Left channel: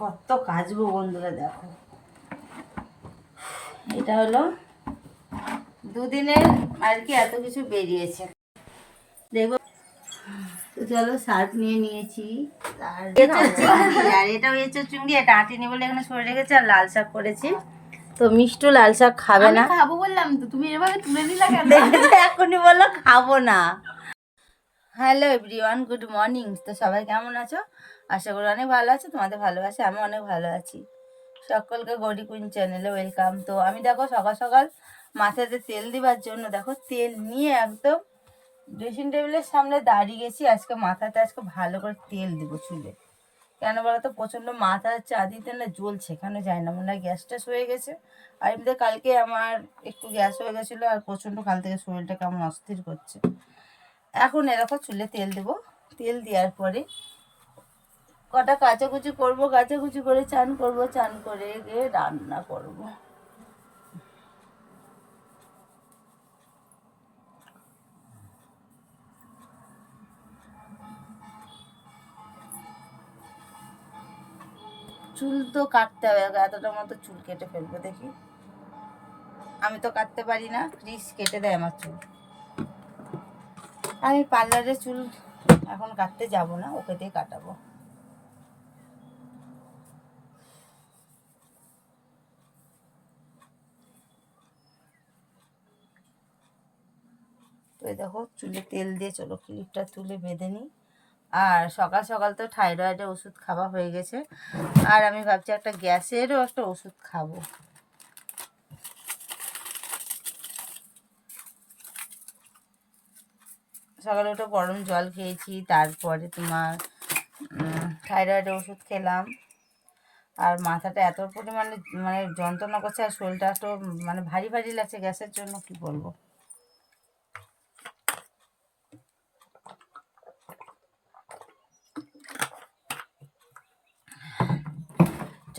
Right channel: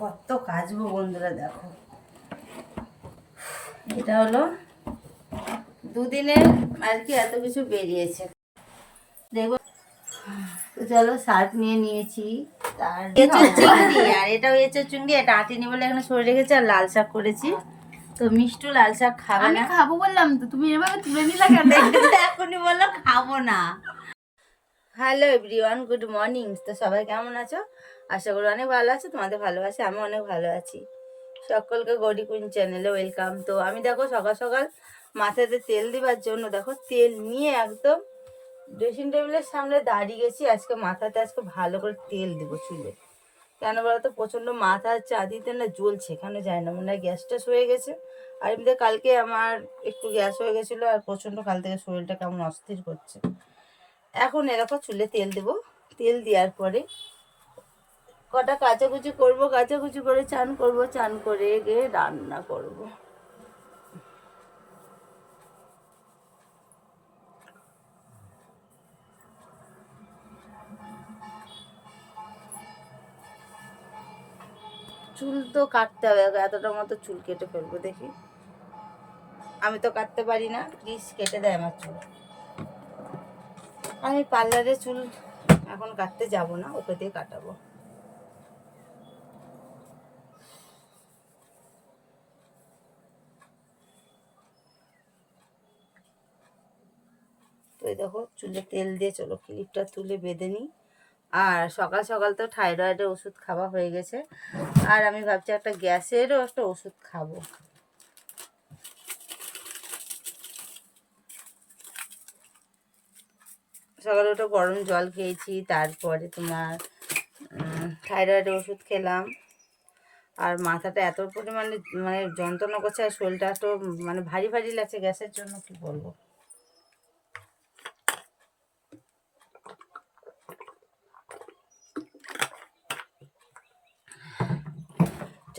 কত কাচবো বন্ধুরা দেখো। এটা হলো দুদিনের আর কি এত কিছু বেরিয়েছে। দেখব তো চলো শার্ট নিয়ে নিয়েছি। তার এঁচোর চিংড়ি আর এটাও এঁচোর চিংড়ি এটা আটিনি বলে এখানে সরে রেখেছি আর লাল শাক করেছি। তো মিষ্টু লাল শাক খাবে না। খাব বললাম তো তুমি এভাবে তুলে নিলা এখনই বলল খাব না। Hello everyone good morning. তো সবাই কেমন আছো? আশা করি অনেক ভালো আছে, তোমাদের ভালো আছে আমি অনেক ভালো আছি। সকলকে গড়ি কুইন চ্যানেলে ওয়েলকাম তো আমি দেখো সকাল সকাল মাথাতে তেল দিবার জন্য দেখো তেল নিয়ে একদম ড্রেসিং টেবিলের সামনে দাঁড়িয়ে গেছি, আজকে মাথাতে আজকে ভালো করে তেল দিব চুলে। কেন বলো তো প্রচণ্ড মাথা চা দিতে না জ্বলছে, কেন যায় না, মনে হয় গ্যাস ট্যাস হয়ে গেছে। আর এমনিতে কালকে আমার একটু গ্যাস হয়ে গেছিল আর প্রচণ্ড কাল থেকে শরীরটা কেমন অস্থির করছে। এখন এরকম চুলে তেল দেবো। তেল দেওয়ার পরে কটা কাচাকুচি করব, কাচাকুচি করে চান করব, চান করে গিয়ে রান্না করব। চুল তো কাটতে হবে, এতটা মতো চুল কেটে ফেলব, দেখি। আমি তো কাটতে পারি না, প্লিজ কেটে দেয় আমার চুল। আমি পার্লারে চুল এখন কাটতে যাব না, ওকে দিয়ে কাটাবো। দেখো, চুলে তেল দিয়ে চলো, ক্লিপটা তুলে বেঁধে নিই। আর সকাল সকাল তো থাইরয়েডের ওষুধ খাওয়া হয়ে গেছে। আর আমি ভাবছি একটা গ্যাসেরও একটা ওষুধ খাব। সকালে উঠে গরম জল খেয়েছি, তারপরে তোমার থাইরয়েডের ওষুধ খেলাম। আর মাথাটা এত পরিমাণে মানে যন্ত্রণা করছে আর শরীরটা এত মানে ভারী ভারী লাগছে গ্যাসের জন্য, কি বলব?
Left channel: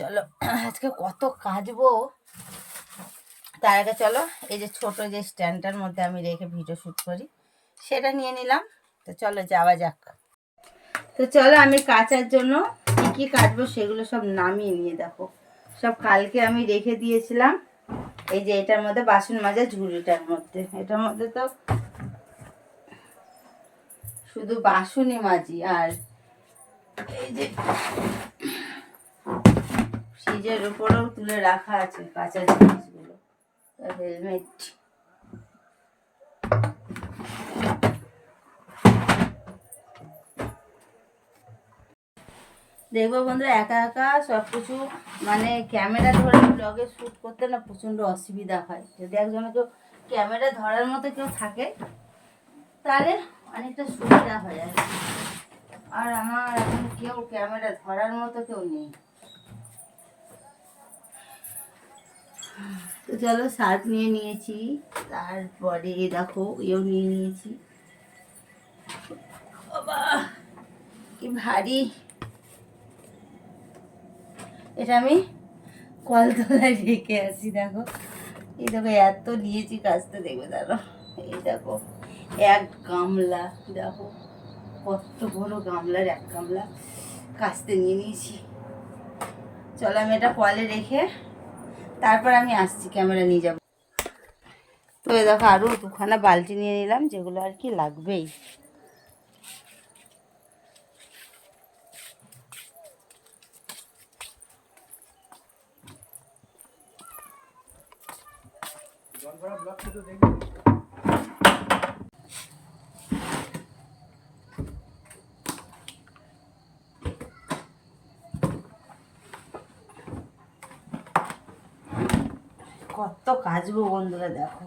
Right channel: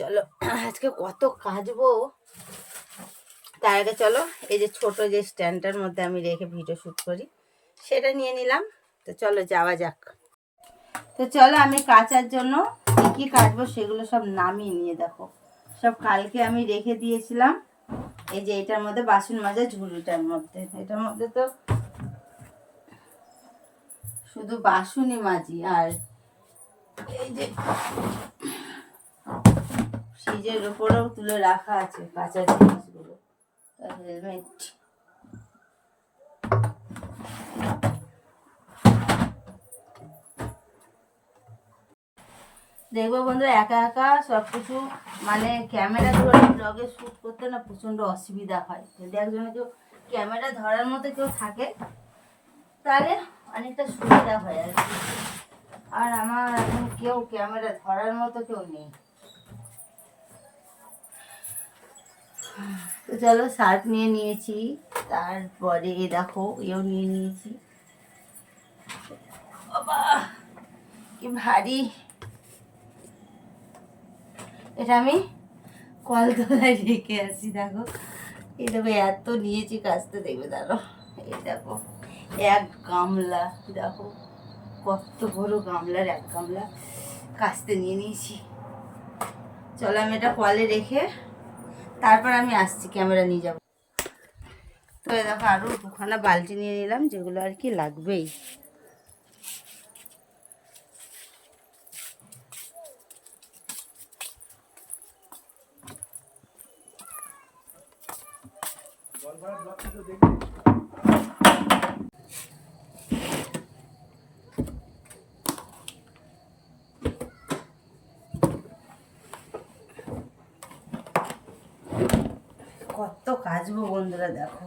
চলো, আজকে কত কাজবো তার আগে চলো, এই যে ছোট যে স্ট্যান্ডটার মধ্যে আমি রেখে ভিডিও শ্যুট করি, সেটা নিয়ে নিলাম। তো চলো, যাওয়া যাক। তো চলো, আমি কাচার জন্য কী কী কাটবো সেগুলো সব নামিয়ে নিয়ে দেখো। সব কালকে আমি রেখে দিয়েছিলাম। এই যে এটার মধ্যে বাসন মাজা, ঝুড়িটার মধ্যে। এটার মধ্যে তো শুধু বাসনই মাজি। আর এই যে ফ্রিজের উপরেও তুলে রাখা আছে কাঁচা জিনিসগুলো হেলমেট দেখব বন্ধুরা, একা একা সব কিছু মানে ক্যামেরা ধরে ব্লগে শ্যুট করতে না প্রচণ্ড অসুবিধা হয়। যদি একজনে কেউ ক্যামেরা ধরার মতো কেউ থাকে, তাহলে অনেকটা সুবিধা হয় আর আর আমার এখন কেউ ক্যামেরা ধরার মতো কেউ নেই। তো চলো শার্ট নিয়ে নিয়েছি, তারপরে দেখো এও নিয়ে নিয়েছি। বাবা, কি ভারী। এটা আমি কলতলায় রেখে আসি, দেখো। এই দেখো, এত নিয়েছি কাজতে দেখবে দেখো এই দেখো, এক গামলা, দেখো, কত বড় গামলার এক গামলা কাস্তে নিয়ে নিয়েছি। চলো আমি এটা কলে রেখে তারপর আমি আসছি, ক্যামেরা নিয়ে যাব। তো এ দেখো আরও দুখানা বালতি নিয়ে নিলাম, যেগুলো আর কি লাগবেই। কত কাজবো বন্ধুরা, দেখো।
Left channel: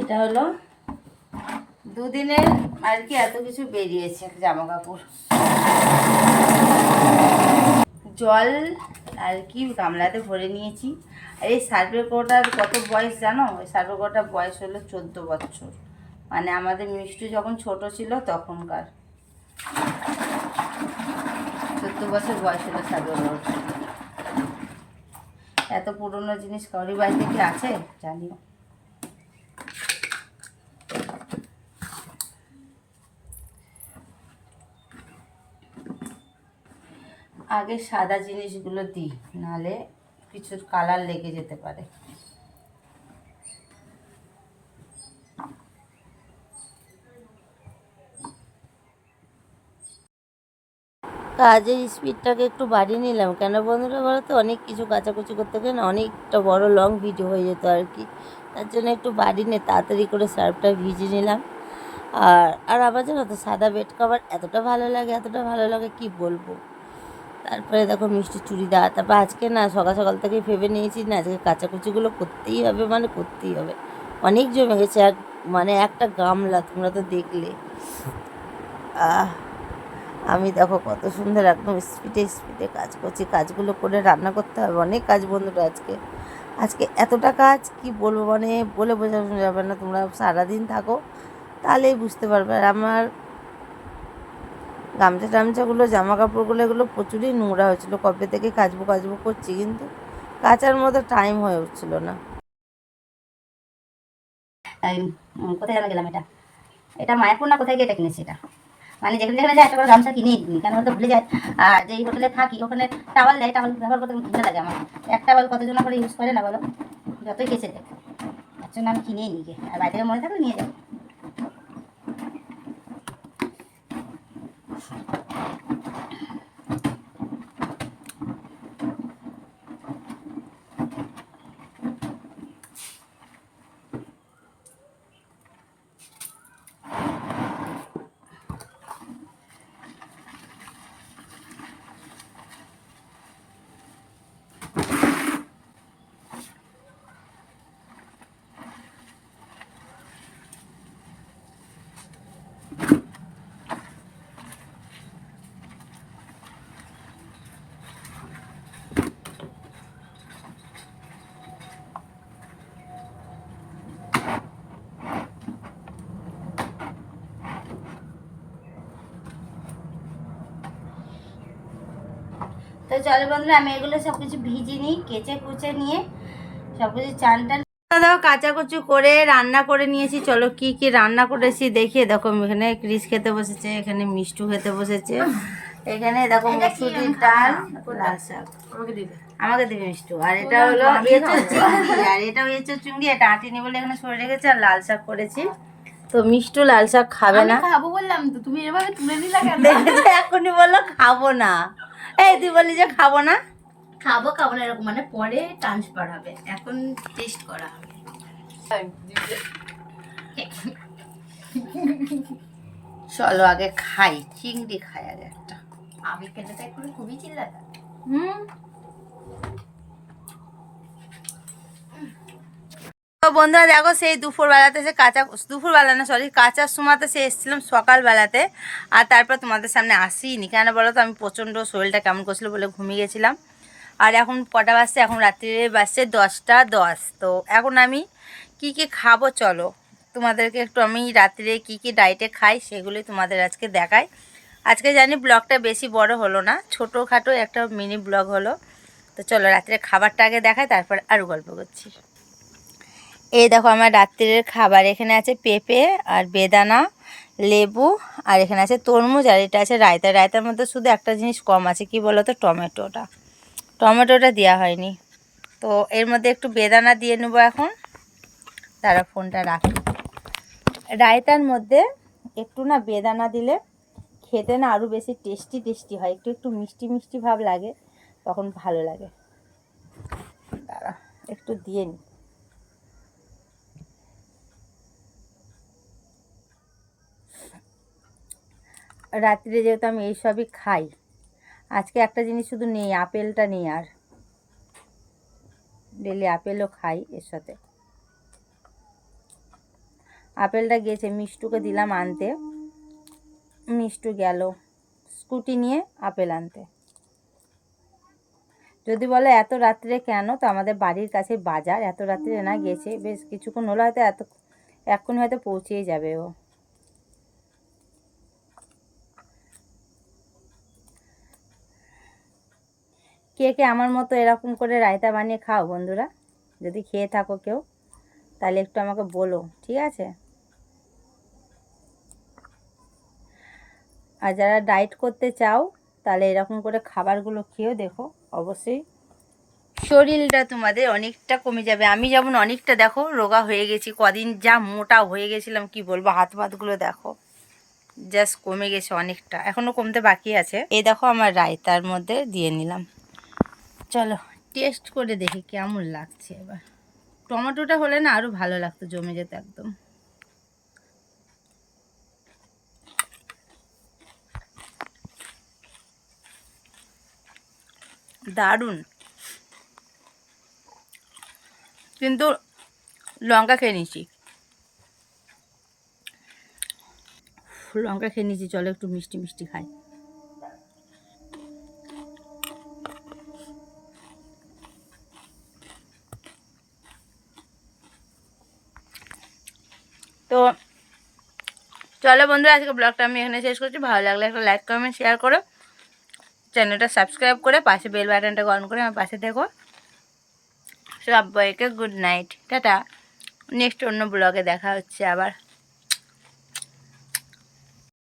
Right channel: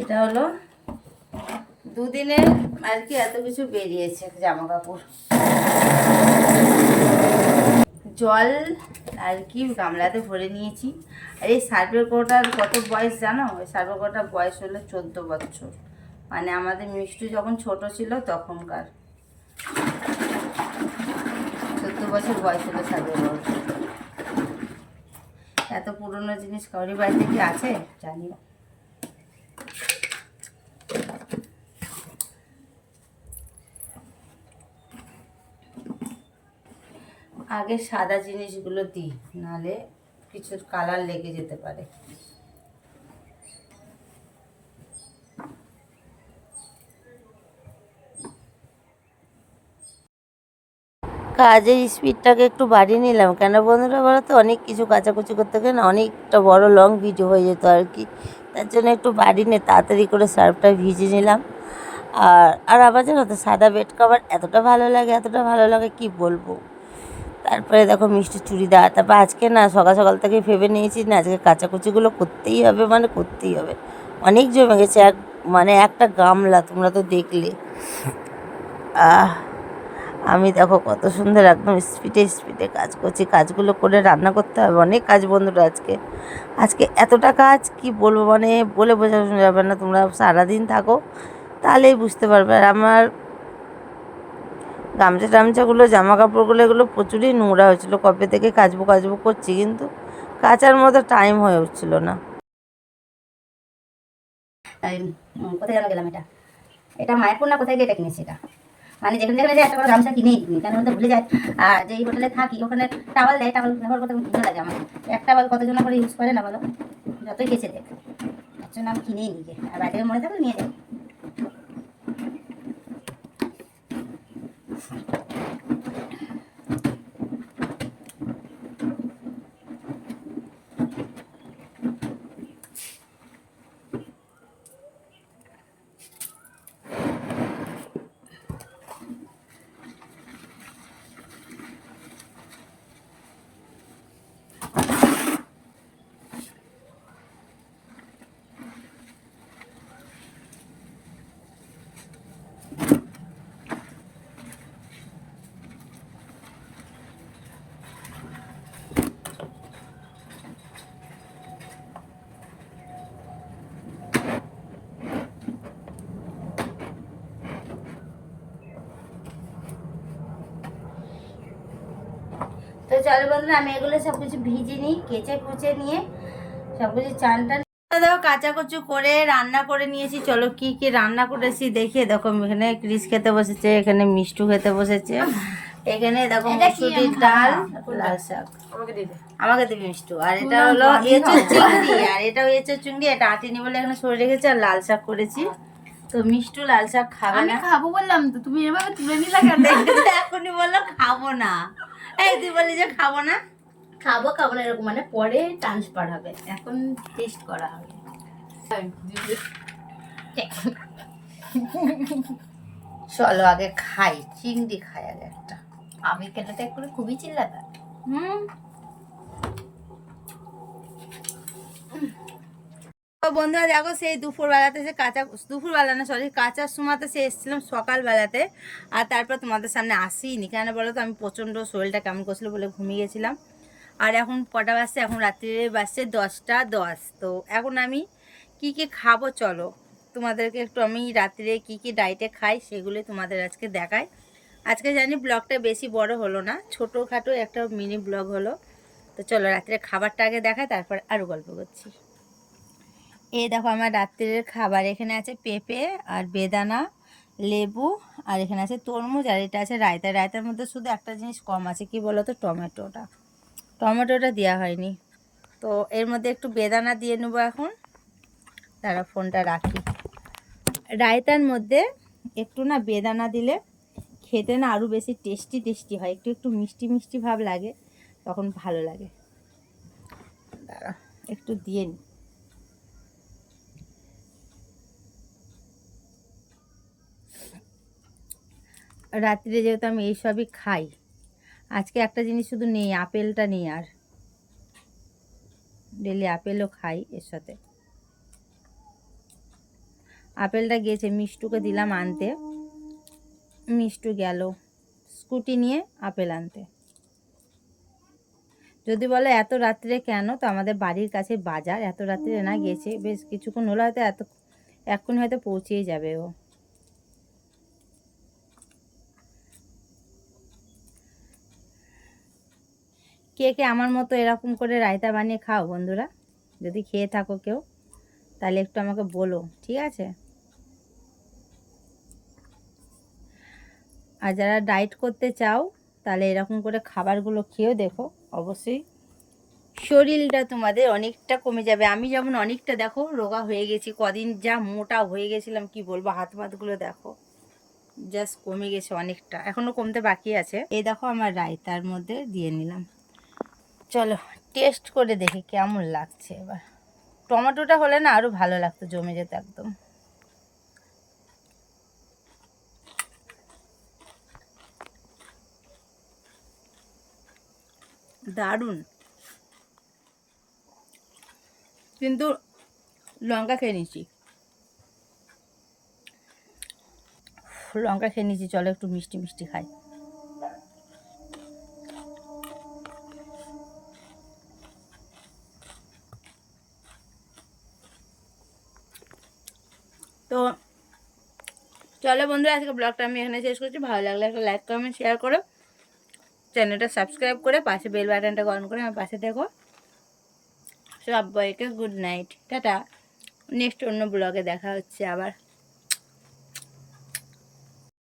এটা হলো দুদিনের আর কি এত কিছু বেরিয়েছে জামা কাপড় জল আর কি গামলাতে ভরে নিয়েছি। আর এই সার্ভের কোটার কত বয়স জানো? ওই সার্ভের কোটার বয়স হলো চোদ্দ বছর। মানে আমাদের মিষ্টি যখন ছোট ছিল তখনকার। চোদ্দ বছর বয়স হলো সার্ভের এত পুরনো জিনিস কারি বাড়িতে কি আছে? জানিও। আগে সাদা জিনিসগুলো দিই নাহলে কিছু কালার লেগে যেতে পারে। কাজের স্পিডটাকে একটু বাড়িয়ে নিলাম। কেন বন্ধুরা বলো তো অনেক কিছু কাচাকুচি করতে গেলে অনেকটা বড় লং ভিডিও হয়ে যেত আর কি। তার জন্য একটু বাড়িয়ে নিয়ে তাড়াতাড়ি করে সার্ফটা ভিজে নিলাম। আর আর আবার জানো তো, সাদা বেড কভার এতটা ভালো লাগে, এতটা ভালো লাগে, কি বলব? তারপরে দেখো মিষ্টি চুড়িদার, তারপর আজকে না সকাল সকাল থেকে ভেবে নিয়েছি না, আজকে কাচাকুচিগুলো করতেই হবে মানে করতেই হবে। অনেক জমে গেছে, এক মানে একটা গামলা তোমরা তো দেখলে। আহ আমি দেখো কত সুন্দর একদম স্পিডে স্পিডে কাজ করছি। কাজগুলো করে রান্না করতে হবে। অনেক কাজ বন্ধুরা আজকে। আজকে এতটা কাজ, কি বলব? মানে বলে বোঝানো যাবে না। তোমরা সারাদিন থাকো, তাহলেই বুঝতে পারবে। আর আমার গামছা টামছাগুলো জামা কাপড়গুলো এগুলো প্রচুরই নোংরা হয়েছিল। কবে থেকে কাচবো কাচবো করছি কিন্তু কাচার মতো টাইম হয়ে উঠছিল না। কোথায় গেলাম এটা? এটা মায়াপুর না কোথায় গিয়ে এটা কিনেছি এটা? মানে যেখানে যেখানে যায় একটা গামছা কিনেই নিই কেন বলতে ভুলে যায়। আর যেই হোটেলে থাকি, ওখানে টাওয়াল দেয় টাওয়াল ব্যবহার করতে ভুলে লাগে আমার। এক টাওয়াল কতজন করে ইউজ করে না বলো? যতই কেছে দেখ। তার জন্য আমি কিনেই নিই। আর বাড়ি থেকে মনে থাকলে নিয়ে যাব। চলো বন্ধুরা আমি এগুলো সব কিছু ভিজে নিই কেচে কুচে নিয়ে সব কিছু চান টান। দাও কাচাকুচু করে রান্না করে নিয়েছি। চলো কি কি রান্না করেছি দেখিয়ে দেখো এখানে ক্রিস খেতে বসেছে এখানে মিষ্টু খেতে বসেছে এখানে দেখো মসুরির ডাল লাল শাক। আমাকে দিবি। মিষ্টু। আর এটা হলো এঁচোর চিংড়ি আর এটাও এঁচোর চিংড়ি এটা আটিনি বলে এখানে সরে রেখেছে আর লাল শাক করেছি। তো মিষ্টু লাল শাক খাবে আমি না। খাব বললাম তো তুমি এভাবে তুলে নিলে এখনই বলল খাব না। এই তুই বললি যে খাব না? খাব খাব না এরকম মানে পরে ট্রান্সফার হবে এখন টেস্ট করা হবে। চলো আগে খাই চিংড়ি খাই আগে একটা। আমি খেলাটা করে খুবই চিল্লাতা। হুম। তো বন্ধুরা দেখো সেই দুপুরবেলাতে সে কাঁচা, দুপুরবেলা না সরি কাঁচার সময়তে সে এসেছিলাম সকালবেলাতে, আর তারপর তোমাদের সামনে আসিনি। কেন বলো তো, আমি প্রচণ্ড শরীরটা কেমন করছিল বলে ঘুমিয়ে গেছিলাম। আর এখন কটা বাজছে? এখন রাত্রিরে বাজছে দশটা দশ। তো এখন আমি কি কি খাব চলো, তোমাদেরকে একটু আমি রাত্রিরে কি কি ডায়েটে খাই সেগুলি তোমাদের আজকে দেখাই। আজকে জানি ব্লগটা বেশি বড় হলো না, ছোটোখাটো একটা মিনি ব্লগ হলো। তো চলো রাত্রে খাবারটা আগে দেখাই, তারপর আরও গল্প করছি। এই দেখো আমার রাত্রের খাবার, এখানে আছে পেঁপে আর বেদানা, লেবু আর এখানে আছে তরমুজ আর এটা আছে রায়তা। রায়তার মধ্যে শুধু একটা জিনিস কম আছে, কি বলো তো টমেটোটা। টমেটোটা দেওয়া হয়নি। তো এর মধ্যে একটু বেদানা দিয়ে নেব এখন। তারা ফোনটা রাখি। রায়তার মধ্যে একটু না বেদানা দিলে খেতে না আরও বেশি টেস্টি টেস্টি হয়। একটু একটু মিষ্টি মিষ্টি ভাব লাগে, তখন ভালো লাগে। দাঁড়া একটু দিয়ে নি। রাত্রে যেহেতু আমি এইসবই খাই, আজকে একটা জিনিস শুধু নেই, আপেলটা নেই আর। ডেলি আপেলও খাই এর সাথে। আপেলটা গিয়েছে, মিষ্টুকে দিলাম আনতে। মিষ্টু গেল স্কুটি নিয়ে আপেল আনতে। যদি বলে এত রাত্রে কেন, তো আমাদের বাড়ির কাছে বাজার, এত রাত্রে না গেছে বেশ কিছুক্ষণ হলো হয়তো এত এক্ষুনি হয়তো পৌঁছেই যাবে ও। কে কে আমার মতো এরকম করে রায়তা বানিয়ে খাও বন্ধুরা? যদি খেয়ে থাকো কেউ, তাহলে একটু আমাকে বলো, ঠিক আছে? আর যারা ডায়েট করতে চাও, তাহলে এরকম করে খাবারগুলো খেয়েও দেখো, অবশ্যই। শরীরটা তোমাদের অনেকটা কমে যাবে। আমি যেমন অনেকটা, দেখো, রোগা হয়ে গেছি, কদিন যা মোটা হয়ে গেছিলাম, কি বলব, হাত পাতগুলো দেখো জাস্ট কমে গেছে অনেকটা এখনও কমতে বাকি আছে। এই দেখো, আমার রায়তার মধ্যে দিয়ে নিলাম। চলো টেস্ট করে দেখি কেমন লাগছে এবার। টমেটোটা হলে না আরও ভালো লাগতো জমে যেত একদম। দারুণ। কিন্তু লঙ্কা খেয়ে নিয়েছি। লঙ্কা খেয়ে নিয়েছি, চলো একটু মিষ্টি মিষ্টি খাই। তো চলো বন্ধুরা, আজকে ব্লগটা আমি এখানে শেষ করছি। ভালো লাগলে একটা লাইক কমেন্ট শেয়ার করো। চ্যানেলটা সাবস্ক্রাইব করে পাশে বেল বাটনটা অন করে আমার পাশে দেখো সবাইকে গুড নাইট টাটা। নেক্সট অন্য ব্লগে দেখা হচ্ছে আবার।